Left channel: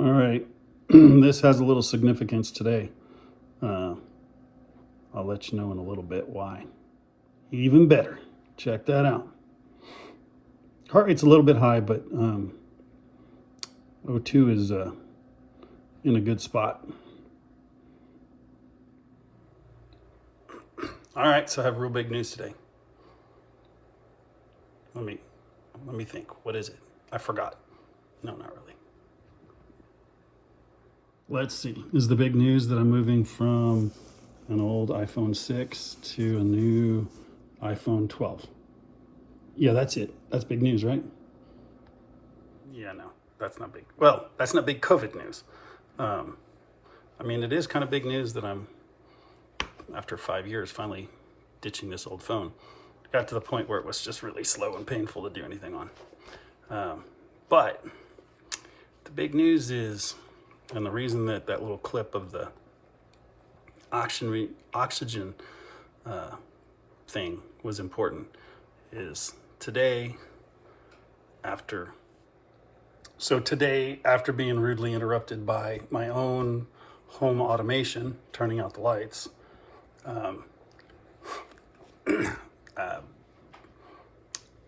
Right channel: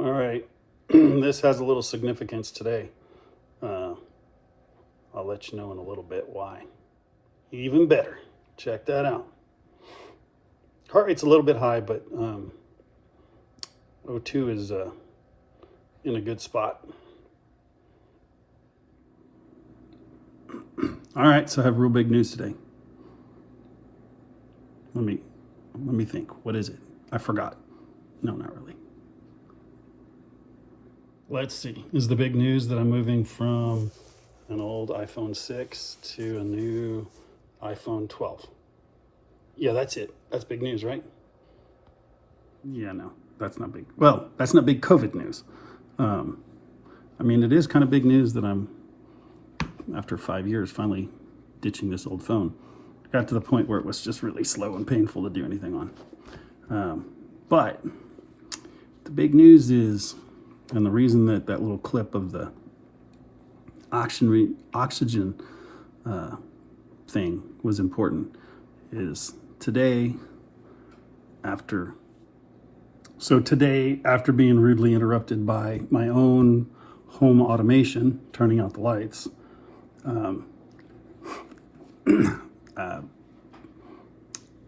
All right, this has a little significance today. I'll let you know in a little bit why. Even better, check that out. Heart rate's a little bit high, but O2 is in a good spot. All right, so I have real big news today. Let me think. What is it? I forgot. No, not really. Let's see. This is the big news that I'm moving from an old iPhone 6 to a new iPhone 12. Yeah, that's it. That's big news, right? Yeah, no, that's not big. Well, that's not big COVID news. I mean, it is kind of big news that I'm, after 5 years, finally ditching this old phone. Got to the point where it was just really slow and painful to do anything on. But the big news is, and the reason that little clip of the oxygen thing was important is today, after being rudely interrupted by my own home automation, turning out the lights,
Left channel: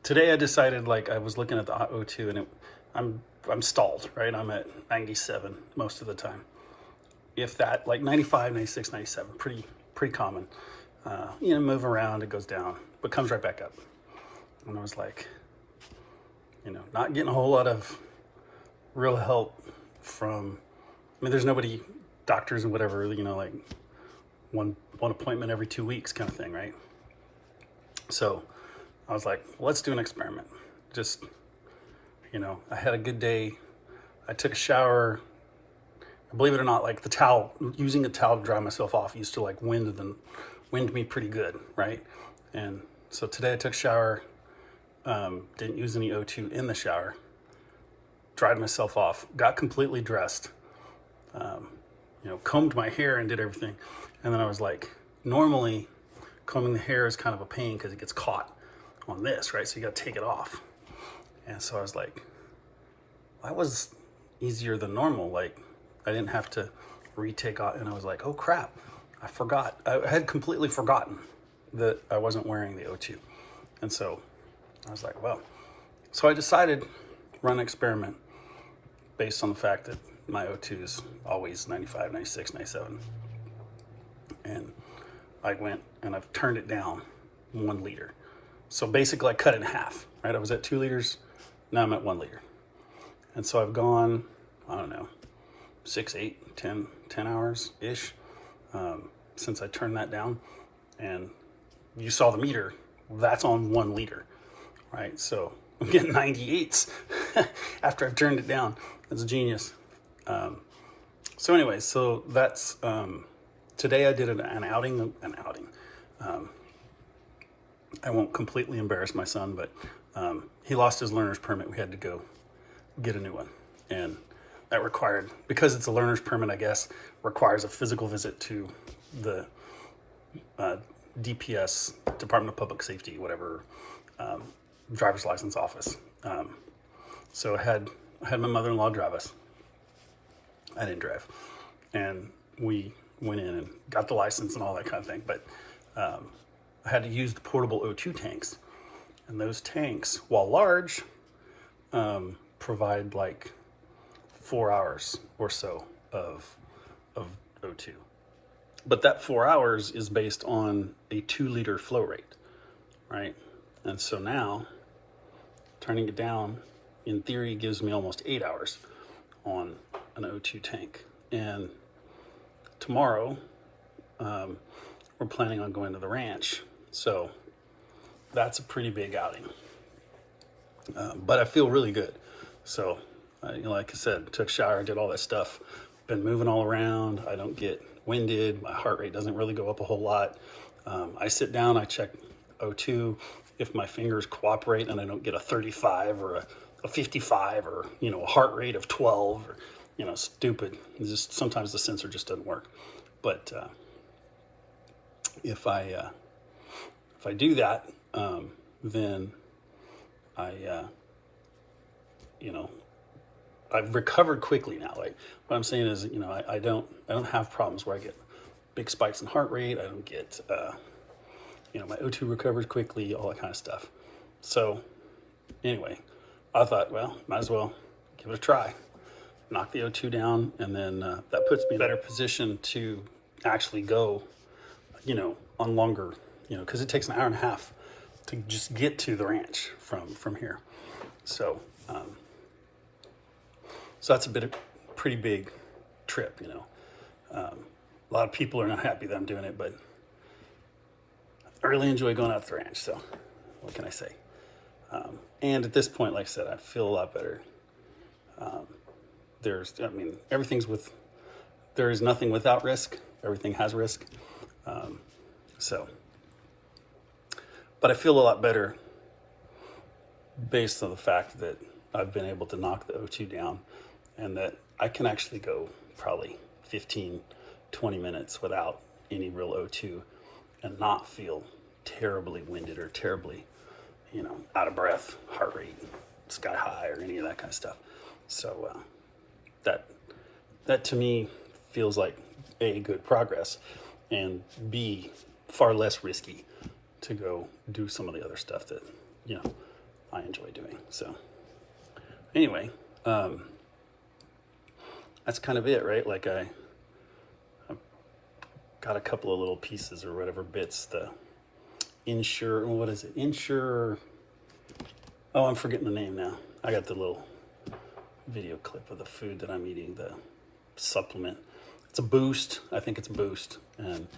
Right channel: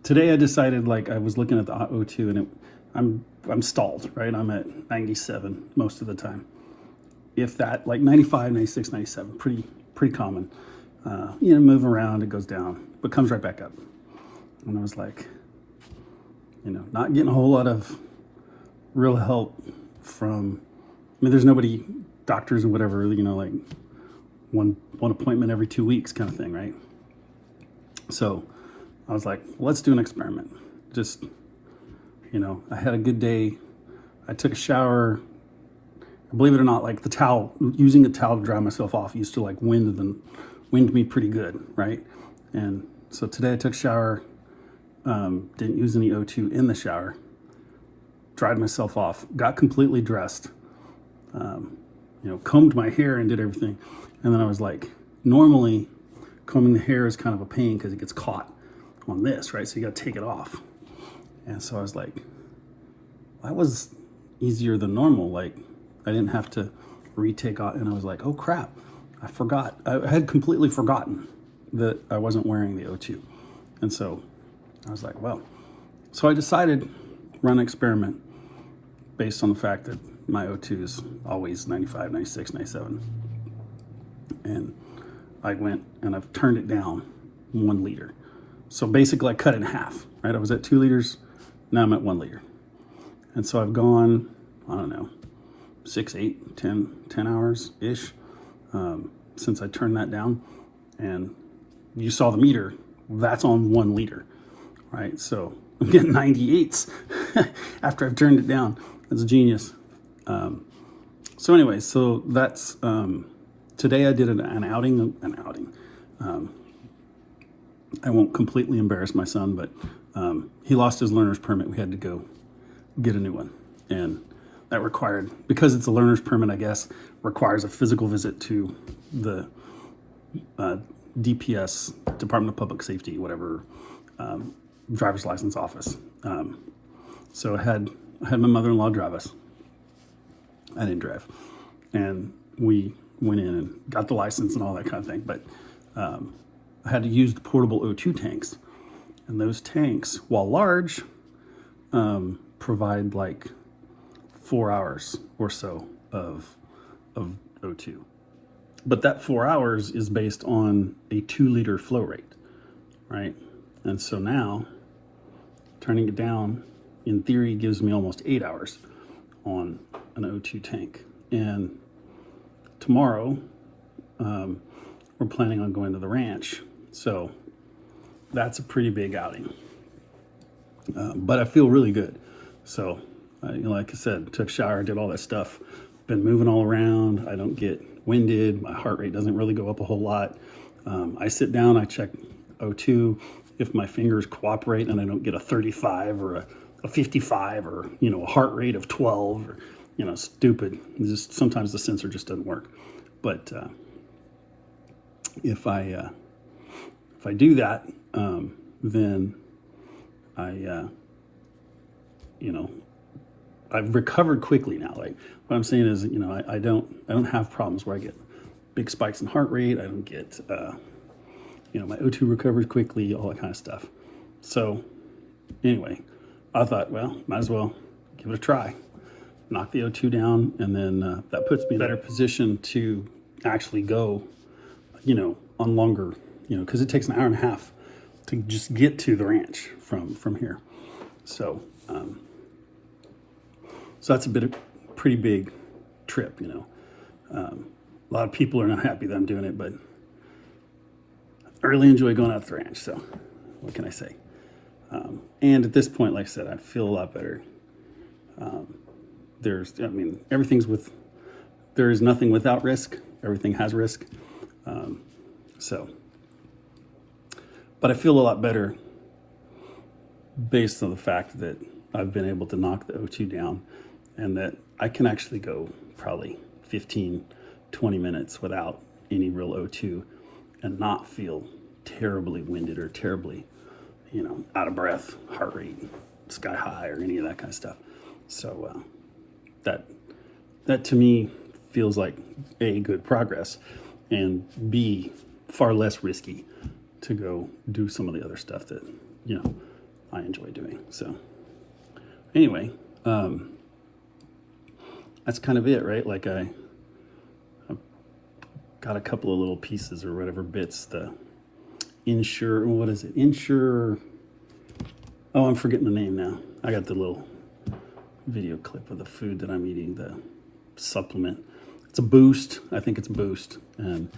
today I decided, like, I was looking at the O2 and I'm stalled, right? I'm at 97 most of the time. If that, like 95, 96, 97, pretty common. Move around, it goes down, but comes right back up. And I was like, not getting a whole lot of real help from, there's nobody, doctors and whatever, like one appointment every 2 weeks kind of thing, right? So I was like, let's do an experiment. Just, I had a good day. I took a shower. Believe it or not, like using a towel to dry myself off used to like wind me pretty good, right? And so today I took a shower, didn't use any O2 in the shower, dried myself off, got completely dressed, combed my hair and did everything. And then I was like, normally combing the hair is kind of a pain because it gets caught on this, right? So you got to take it off. And so I was like, that was easier than normal. Like, I didn't have to retake off. And I was like, oh crap, I forgot. I had completely forgotten that I wasn't wearing the O2. And so I was like, well, so I decided run an experiment based on the fact that my O2 is always 95, 96, 97. And I went and I've turned it down 1 liter. So basically I cut it in half, right? I was at 2 liters, now I'm at 1 liter. And so I've gone, I don't know, 6, 8, 10 hours-ish since I turned that down. And you saw the meter, that's on 1 liter, right? So I'm getting 98s after I've turned it down. It's genius. So anyway, so that's, today I did an outing. I won't completely embarrass my son, but he lost his learner's permit. We had to go get a new one. And that required, because it's a learner's permit, I guess, requires a physical visit to the DPS, Department of Public Safety, whatever, driver's license office. So I had my mother-in-law drive us. I didn't drive. And we went in and got the license and all that kind of thing. But I had to use the portable O2 tanks. And those tanks, while large, provide like 4 hours or so of O2. But that 4 hours is based on a 2 liter flow rate, right? And so now, turning it down, in theory, gives me almost 8 hours on an O2 tank. And tomorrow, we're planning on going to the ranch. So that's a pretty big outing. But I feel really good. So, like I said, took a shower, did all that stuff, been moving all around. I don't get winded. My heart rate doesn't really go up a whole lot. I sit down, I check O2. If my fingers cooperate and I don't get a 35 or a 55 or, a heart rate of 12 or, stupid. It's just sometimes the sensor just doesn't work. But if I do that, then I I've recovered quickly now. Like what I'm saying is, I don't have problems where I get big spikes in heart rate. I don't get, my O2 recovers quickly, all that kind of stuff. So anyway, I thought, well, might as well give it a try. Knock the O2 down, and then that puts me in a better position to actually go, on longer, because it takes an hour and a half to just get to the ranch from here. So, so that's pretty big trip, a lot of people are not happy that I'm doing it, but I really enjoy going out to the ranch. So what can I say? And at this point, like I said, I feel a lot better. There is nothing without risk. Everything has risk. But I feel a lot better based on the fact that I've been able to knock the O2 down, and that I can actually go probably 15, 20 minutes without any real O2 and not feel terribly winded or terribly, out of breath, heart rate sky high, or any of that kind of stuff. So that to me feels like A, good progress, and B, far less risky to go do some of the other stuff that I enjoy doing. So anyway, that's kind of it, right? Like I've got a couple of little pieces or whatever bits. The Ensure, what is it? Ensure. Oh, I'm forgetting the name now. I got the little video clip of the food that I'm eating, the supplement. It's a Boost. I think it's Boost. And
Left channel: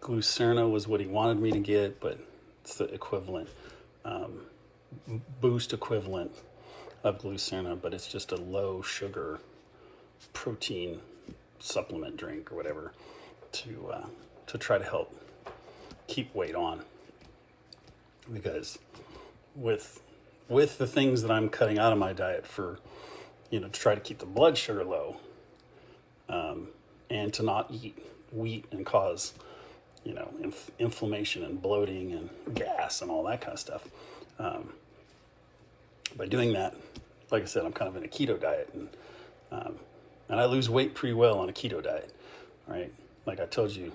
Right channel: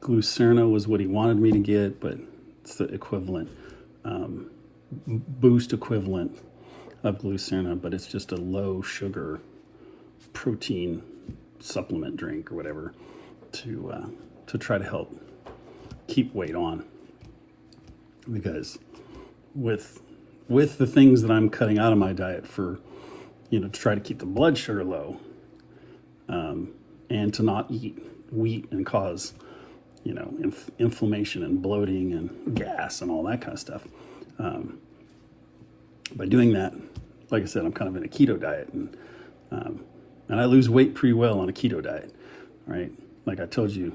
Glucerna was what he wanted me to get, but it's the equivalent, Boost equivalent of Glucerna, but it's just a low sugar protein supplement drink or whatever to try to help keep weight on. Because with the things that I'm cutting out of my diet for, to try to keep the blood sugar low, and to not eat wheat and cause, inflammation and bloating and gas and all that kind of stuff. By doing that, like I said, I'm kind of in a keto diet, and I lose weight pretty well on a keto diet, right? Like I told you,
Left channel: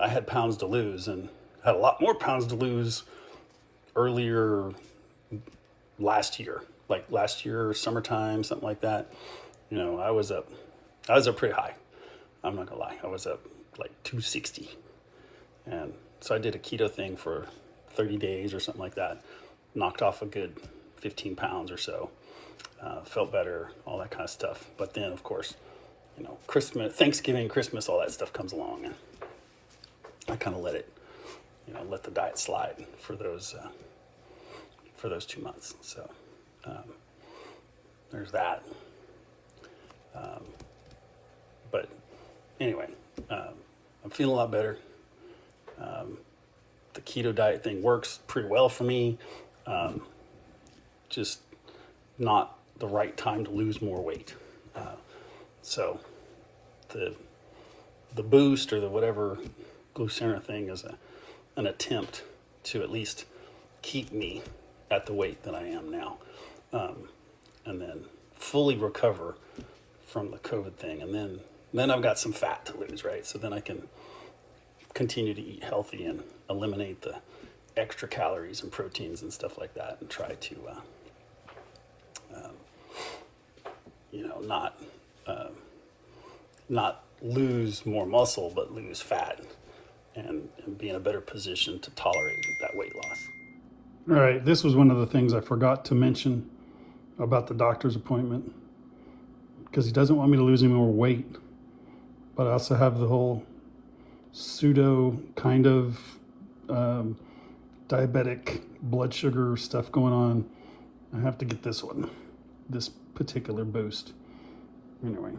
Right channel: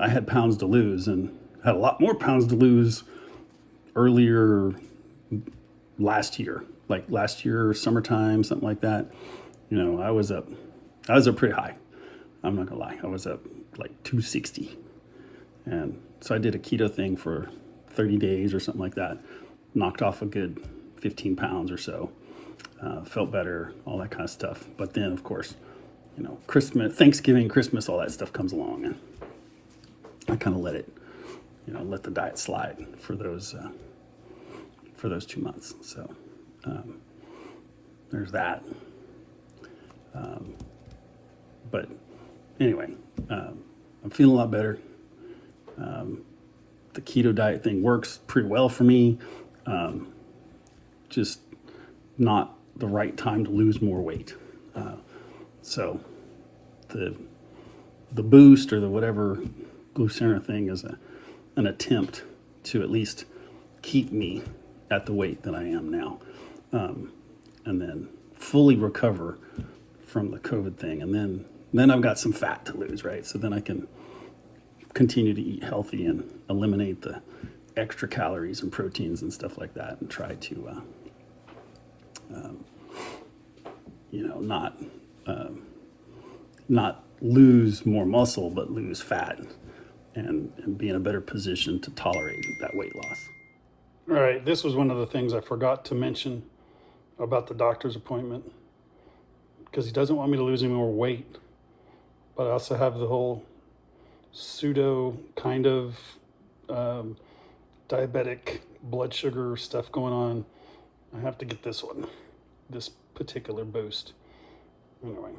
I had pounds to lose, and had a lot more pounds to lose earlier last year, like last year, summertime, something like that. I was up pretty high. I'm not gonna lie. I was up like 260. And so I did a keto thing for 30 days or something like that. Knocked off a good 15 pounds or so. Felt better, all that kind of stuff. But then, of course, Christmas, Thanksgiving, Christmas, all that stuff comes along, and I kind of let it, let the diet slide for those 2 months. So there's that. But anyway, I'm feeling a lot better. The keto diet thing works pretty well for me. Just not the right time to lose more weight. So the Boost or the whatever Glucerna thing is an attempt to at least keep me at the weight that I am now, and then fully recover from the COVID thing, and then I've got some fat to lose, right? So then I can continue to eat healthy and eliminate the extra calories and proteins and stuff like that, and try to not lose more muscle, but lose fat, and be in a better position to tolerate that weight loss. All right, this was one of the things I forgot to mention about the doctor's appointment, because he doesn't want me to lose any more weight, but I also have the whole pseudo kind of diabetic blood sugar stuff going on. I have to get this one, this particular Boost. Anyway.